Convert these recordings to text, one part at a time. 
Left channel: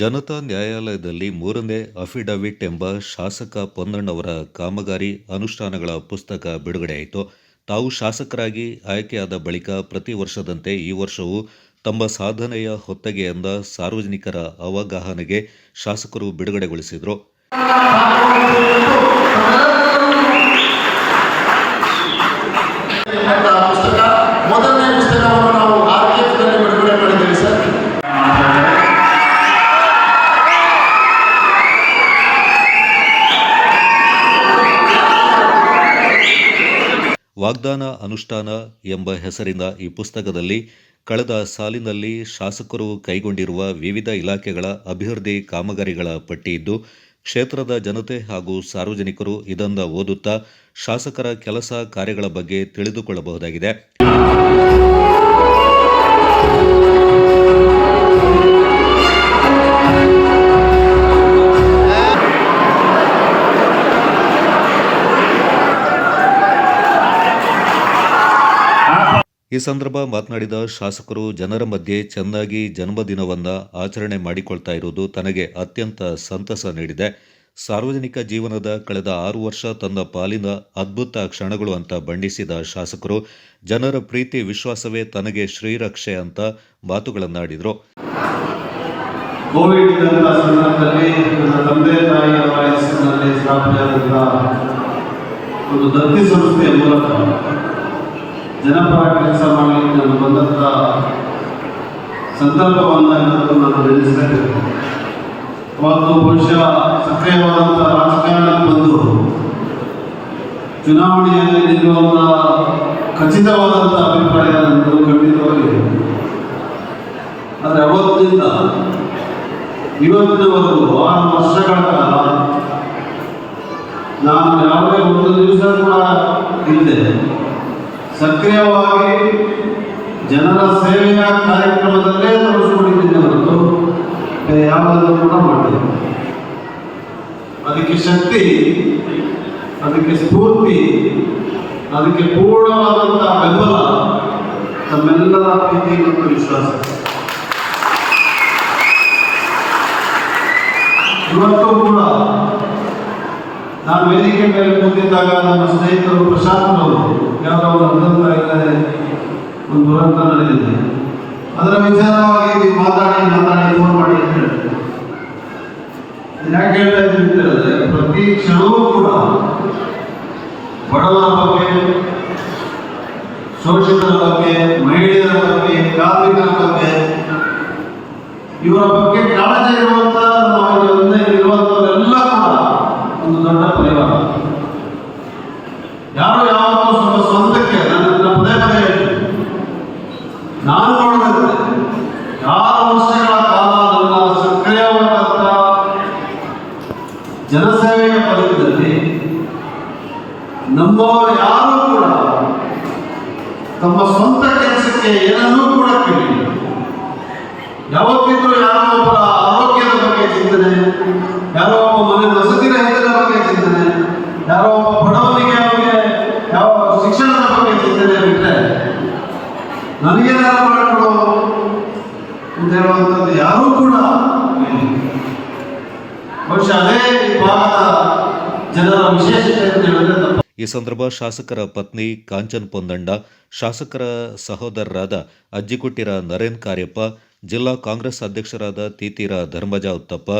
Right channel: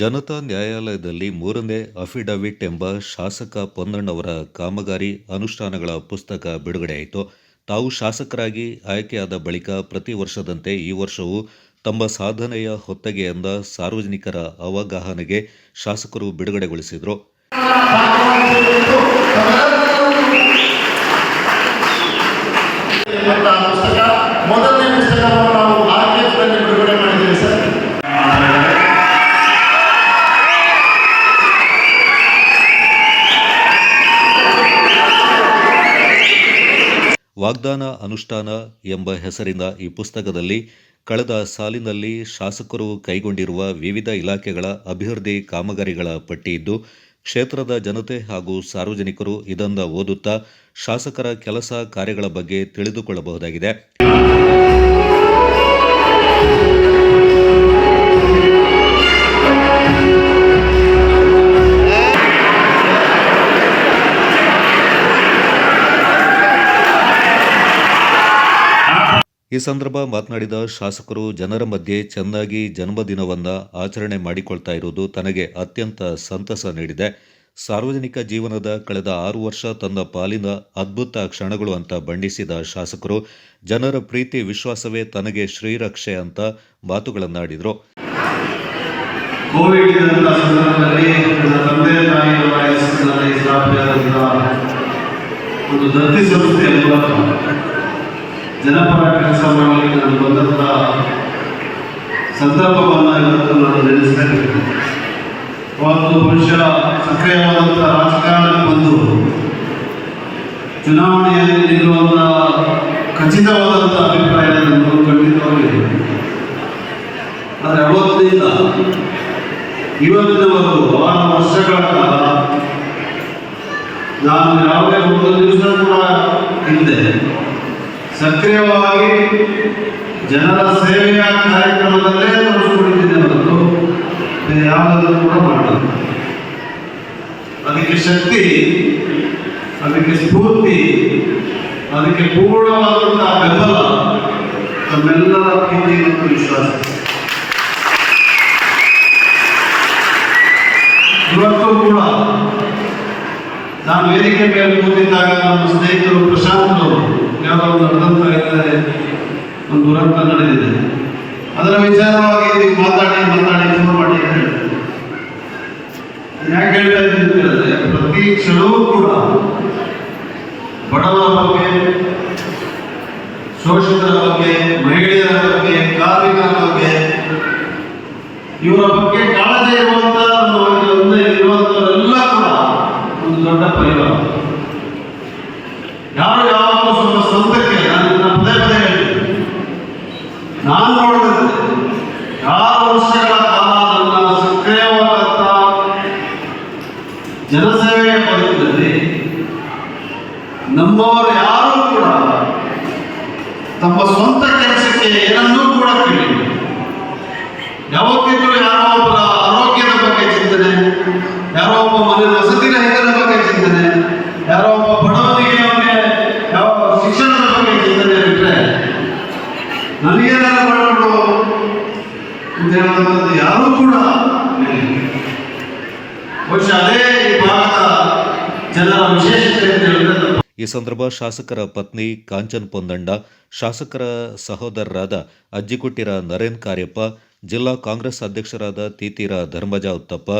ಜನತಾ ನ್ಯಾಯಾಲಯದಲ್ಲಿ ಮೂರನೇ ಅಫಿಡವಿಟ್ ಎಂಬ ಶಾಸಕ ಪೊನ್ನಣ್ಣವರ ಕಾಮಗಾರಿ ಅನುಷ್ಠಾನಗಳ ಪುಸ್ತಕ ಬಿಡುಗಡೆಯಾಯಿತು. ತಾವು ಶಾಸಕರಾಗಿ ಆಯ್ಕೆಯಾದ ಬಳಿಕ ಪ್ರತಿ ವರ್ಷದಂತೆ ಈ ವರ್ಷವೂ ತಮ್ಮ ಸಾಧನೆಯ ಹೊತ್ತಗೆಯಿಂದ ಸಾರ್ವಜನಿಕರ ಅವಗಾಹನೆಗೆ ಶಾಸಕರು ಬಿಡುಗಡೆಗೊಳಿಸಿದರು. ವಾಗ್ದಾನ ಅನುಷ್ಠಾನ ಎಂಬ ಹೆಸರಿನ ಈ ಪುಸ್ತಕದಲ್ಲಿ ಕಳೆದ ಸಾಲಿನಲ್ಲಿ ಶಾಸಕರು ಕೈಗೊಂಡಿರುವ ವಿವಿಧ ಇಲಾಖೆಗಳ ಅಭಿವೃದ್ಧಿ ಕಾಮಗಾರಿಗಳ ಪಟ್ಟಿ ಇದ್ದು, ಕ್ಷೇತ್ರದ ಜನತೆ ಹಾಗೂ ಸಾರ್ವಜನಿಕರು ಇದನ್ನು ಓದುತ್ತಾ ಶಾಸಕರ ಕೆಲಸ ಕಾರ್ಯಗಳ ಬಗ್ಗೆ ತಿಳಿದುಕೊಳ್ಳಬಹುದಾಗಿದೆ. ಈ ಸಂದರ್ಭ ಮಾತನಾಡಿದ ಶಾಸಕರು, ಜನರ ಮಧ್ಯೆ ಚೆನ್ನಾಗಿ ಜನ್ಮದಿನವನ್ನು ಆಚರಣೆ ಮಾಡಿಕೊಳ್ತಾ ಇರುವುದು ತನಗೆ ಅತ್ಯಂತ ಸಂತಸ ನೀಡಿದೆ. ಸಾರ್ವಜನಿಕ ಜೀವನದ ಕಳೆದ 6 ವರ್ಷ ತನ್ನ ಪಾಲಿನ ಅದ್ಭುತ ಕ್ಷಣಗಳು ಅಂತ ಬಣ್ಣಿಸಿದ ಶಾಸಕರು, ಜನರ ಪ್ರೀತಿ ವಿಶ್ವಾಸವೇ ತನಗೆ ಶ್ರೀರಕ್ಷೆ ಅಂತ ಮಾತುಗಳನ್ನಾಡಿದರು. ಕೋವಿಡ್ ಸಂದರ್ಭದಲ್ಲಿ ನನ್ನ ತಂದೆ ತಾಯಿಯ ವಯಸ್ಸಿನಲ್ಲಿ ಸ್ಥಾಪನೆಯಾದಂಥ ಒಂದು ದತ್ತಿ ಸಂಸ್ಥೆಯ ಮೂಲಕ ಜನಪರ ಕೆಲಸ ಮಾಡಲಿಕ್ಕೆ ನಾನು ಬಂದಂಥ ಸಂದರ್ಭವನ್ನು ಇವತ್ತು ನಾನು ನೆನೆಸ್ತೇನೆ. ಅವತ್ತು ಬಹುಶಃ ಸಕ್ರಿಯವಾದಂಥ ರಾಜಕಾರಣಕ್ಕೆ ಬಂದು ಚುನಾವಣೆಯಲ್ಲಿ ನಿಲ್ಲುವಂಥ ಖಚಿತವಾದಂಥ ಅಭಿಪ್ರಾಯ ನನ್ನದು ಖಂಡಿತವಾಗಿದೆ. ಆದರೆ ಅವತ್ತಿನಿಂದ ಇವತ್ತಿನವರೆಗೂ 6 ವರ್ಷಗಳ ಕಾಲ ನಾನು ಯಾವುದೇ ಒಂದು ದಿವಸ ಹಿಂದೆ ಸಕ್ರಿಯವಾಗಿ ಜನರ ಸೇವೆಯ ಕಾರ್ಯಕ್ರಮದಲ್ಲೇ ತೊಡಗಿಕೊಂಡಿದ್ದೆ ಹೊರತು ಯಾವುದಾದ್ರೂ ಕೂಡ ಮಾಡಿದೆ. ಅದಕ್ಕೆ ಶಕ್ತಿ, ಅದಕ್ಕೆ ಸ್ಫೂರ್ತಿ, ಅದಕ್ಕೆ ಪೂರ್ಣವಾದಂತಹ ಬೆಂಬಲ ತಮ್ಮೆಲ್ಲರ ಪ್ರೀತಿ ಮತ್ತು ವಿಶ್ವಾಸ. ಇವತ್ತು ಕೂಡ ನಾನು ವೇದಿಕೆ ಮೇಲೆ ಕೂತಿದ್ದಾಗ ನಮ್ಮ ಸ್ನೇಹಿತರು ಪ್ರಶಾಂತ್ ಅವರು ಯಾವುದೋ ಒಂದು ದುರಂತ ನಡೆದಿದೆ, ಅದರ ವಿಚಾರವಾಗಿ ನೀವು ಮಾತಾಡಿ ಫೋನ್ ಮಾಡಿ ಅಂತ ಹೇಳ್ತಾರೆ. ಯಾಕೆ ಹೇಳ್ತಾ ಇದ್ದೀನಿ ಅಂತ ಹೇಳಿದ್ರೆ, ಪ್ರತಿ ಕ್ಷಣವೂ ಕೂಡ ಬಡವರ ಬಗ್ಗೆ, ಶೋಷಿತರ ಬಗ್ಗೆ, ಮಹಿಳೆಯರ ಬಗ್ಗೆ, ಕಾರ್ಮಿಕರ ಬಗ್ಗೆ, ಇವರ ಬಗ್ಗೆ ಕಾಳಜಿ ಇರುವಂತ ಇರುವಂತವರೆಲ್ಲ ಕೂಡ ಒಂದು ದೊಡ್ಡ ಪರಿವಾರ. ಯಾರು ಯಾವತ್ತೂ ಸ್ವಂತಕ್ಕೆ ನನ್ನ ಪದೇ ಹೇಳ್ತೀನಿ, ನಾನು ನೋಡಿದಂತೆ 6 ವರ್ಷಗಳ ಕಾಲ ನನ್ನ ಸಕ್ರಿಯವಾದಂಥ ಜನಸೇವೆಯ ಬದುಕಿನಲ್ಲಿ ನಮ್ಮವರು ಯಾರೂ ಕೂಡ ತಮ್ಮ ಸ್ವಂತ ಕೆಲಸಕ್ಕೆ ಏನನ್ನೂ ಕೂಡ ಕೇಳಿಲ್ಲ. ಯಾವತ್ತಿದ್ರೂ ಯಾರೋ ಒಬ್ಬರ ಆರೋಗ್ಯದ ಬಗ್ಗೆ ಚಿಂತನೆ, ಯಾರೋ ಒಬ್ಬ ಮನೆ ವಸತಿ ರಹಿತರ ಬಗ್ಗೆ ಚಿಂತನೆ, ಯಾರೋ ಒಬ್ಬ ಬಡವನಿಗೆ ಅವನಿಗೆ ಯಾವ ಶಿಕ್ಷಣದ ಬಗ್ಗೆ ಚಿಂತನೆ ಬಿಟ್ಟರೆ ನನಗೇನಾದ್ರು ಮಾಡಿಕೊಡು ಅಂತ ಹೇಳುವಂಥದ್ದು ಯಾರೂ ಕೂಡ ಬಹುಶಃ ಅದೇ ಈ ಭಾಗದ ಜನರ ವಿಶೇಷತೆ ಅಂತ ಹೇಳಿದ್ರೆ. ಈ ಸಂದರ್ಭ ಶಾಸಕರ ಪತ್ನಿ ಕಾಂಚನ್ ಪೊನ್ನಣ್ಣ, ಶಾಸಕರ ಸಹೋದರರಾದ ಅಜ್ಜಿಕುಟ್ಟಿರ ನರೇನ್ ಕಾರ್ಯಪ್ಪ, ಜಿಲ್ಲಾ ಕಾಂಗ್ರೆಸ್ ಅಧ್ಯಕ್ಷರಾದ ತೀತೀರ ಧರ್ಮಜ ಉತ್ತಪ್ಪ,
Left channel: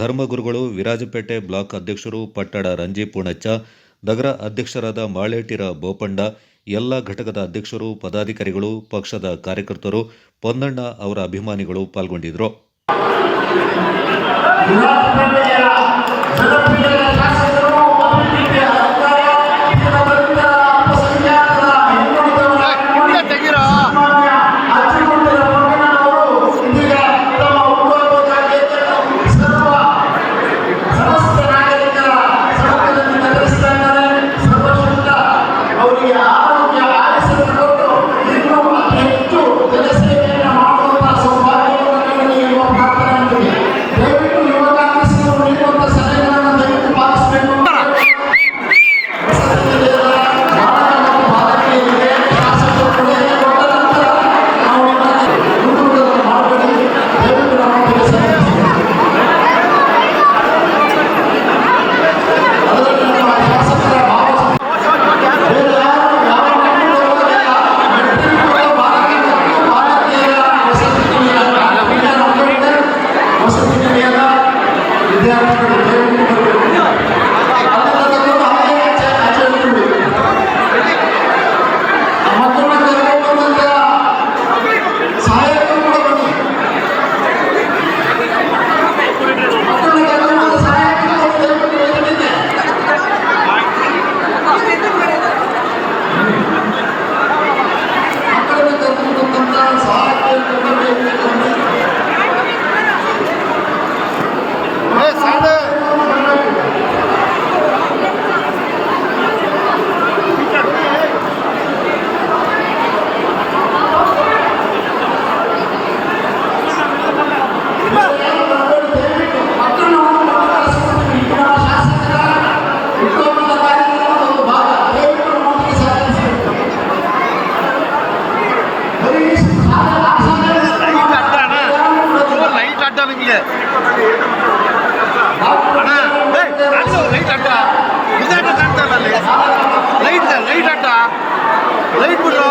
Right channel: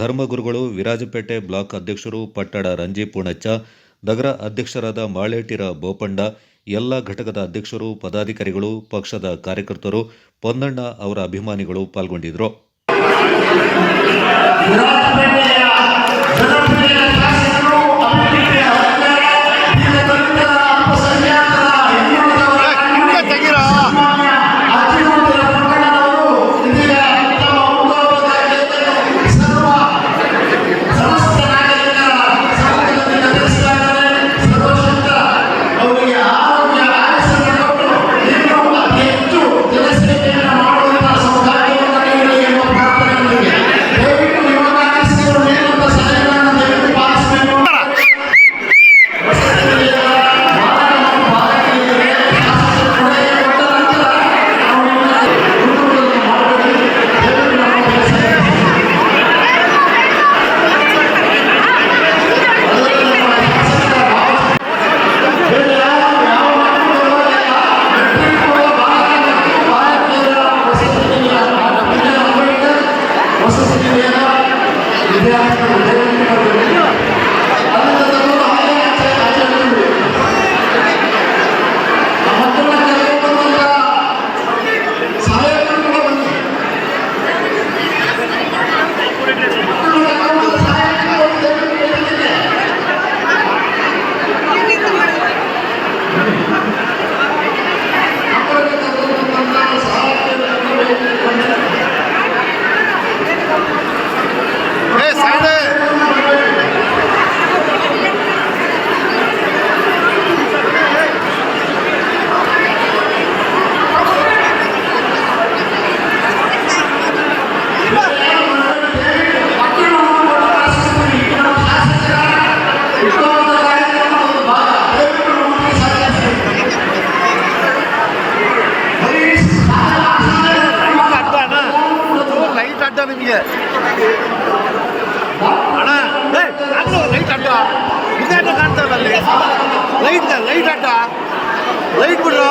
ಧರ್ಮಗುರುಗಳು, ವಿರಾಜಪೇಟೆ ಬ್ಲಾಕ್ ಅಧ್ಯಕ್ಷರು ಪಟ್ಟಡ ರಂಜಿ ಪೂಣಚ್ಚ, ನಗರ ಅಧ್ಯಕ್ಷರಾದ ಮಾಳೇಟಿರ ಬೋಪಣ್ಣ, ಎಲ್ಲ ಘಟಕದ ಅಧ್ಯಕ್ಷರು, ಪದಾಧಿಕಾರಿಗಳು, ಪಕ್ಷದ ಕಾರ್ಯಕರ್ತರು, ಪೊನ್ನಣ್ಣ ಅವರ ಅಭಿಮಾನಿಗಳು ಪಾಲ್ಗೊಂಡಿದ್ದರು. ದಯವಿಟ್ಟು ಯುವ ಕಾಂಗ್ರೆಸ್ಸಿಗರು ನೀಡುವಂಥ ಸಲಹೆಗಳನ್ನು ವಿದ್ಯಾರ್ಥಿಗಳು ದಯವಿಟ್ಟು ಬರಬೇಕು. ಅಲ್ಲಿಂದ ತಗೊಂಡು ಹಾಗೆ ಆಚೆ ಇಡ್ತೀವಿ. ಮಕ್ಕಳನ್ನ ಕರೆದುಕೊಂಡು ಬಂದಂತ ಸಹಾಯಕರು ಕೂಡ ಬನ್ನಿ. ಮಕ್ಕಳನ್ನ ಕರೆದುಕೊಂಡು ಸಹಾಯಕರು ದಯವಿಟ್ಟು ವೇದಿಕೆಗೆ. ಮಕ್ಕಳನ್ನ ಕರೆದುಕೊಂಡು ಬಂದಂತ ಸಹಾಯಕರು ವೇದಿಕೆಗೆ ಬನ್ನಿ. ಲೈಟ್ ಅಡ್ಡ ನಿಮಗೆ ಅಣ್ಣ ಲೈಟ್ ಅಡ್ಡ ಇದಾಟ ಕಾಣ್ತಾ ಇಲ್ಲ ಅಲ್ಲಿ ಲೈಟ್ ಅಡ್ಡ ಲೈಟ್ ಬಿಡು.